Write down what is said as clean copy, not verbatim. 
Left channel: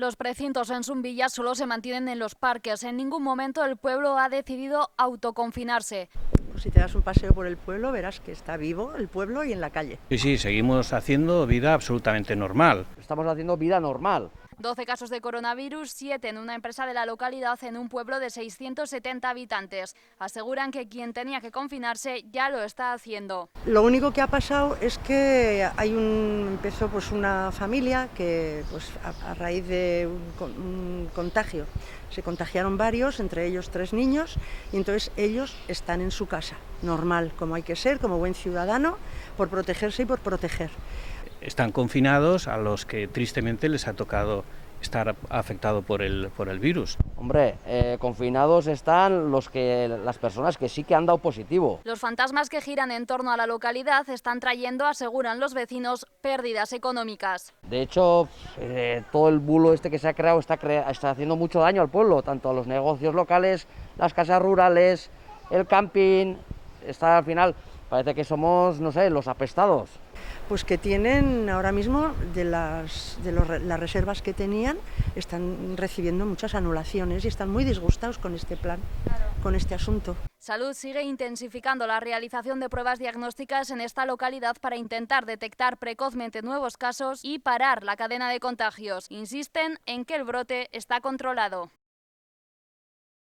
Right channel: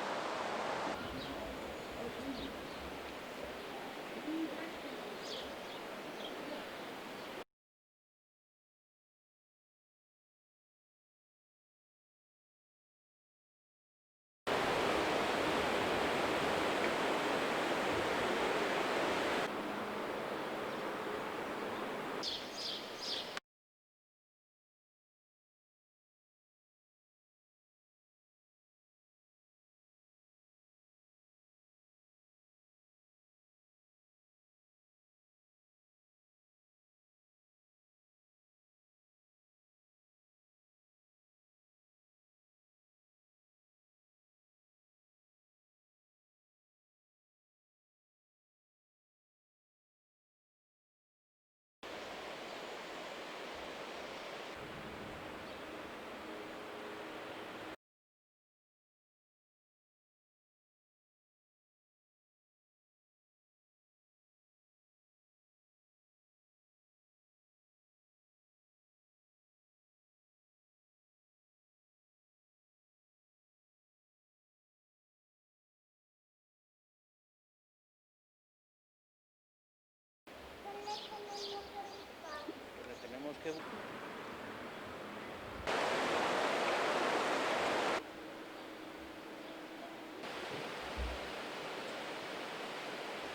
Los precintos en Zumbilla solo se mantienen en los parques. En ningún momento el pueblo ha decidido autoconfinarse. Si te das un paseo por el pueblo, verás que está vivo el pueblo y en la calle. Sí, seguimos haciendo vida absolutamente normal. Estamos haciendo vida normal. 12 casos de coronavirus, 7 en una empresa de la localidad en un pueblo de 670 habitantes. Aseguran que quien tenía que confinarse ya lo está haciendo. Lo único que ha pasado es que empezó pues una familia que pues a raíz de un contagio se contagiaron varios, entre ellos 3 niños, y entonces ellos están en su casa, normal, como hay que ser, como buen ciudadano, por protegerse y por proteger. Están confinados a los que tristemente les ha tocado estar afectado por el virus. Hombre, confinados están las personas que sí que han dado positivo. Los fantasmas que giran en torno a la localidad están trayendo, aseguran los vecinos, pérdidas económicas. De hecho, todo el bulo este que se ha creado está haciendo mucho daño al pueblo, tanto a los negocios locales, las casas rurales, el camping. Al final, parece que somos, no sé, los apestados. Pues que tienen ahora mismo las reservas que tenían, están recibiendo muchas anulaciones y están muy disgustados con este plan, con este asunto. Salud sigue intensificando la realización de pruebas diagnósticas en esta localidad para intentar detectar precozmente nuevos casos y parar la cadena de contagios. Insisten en que el brote está controlado.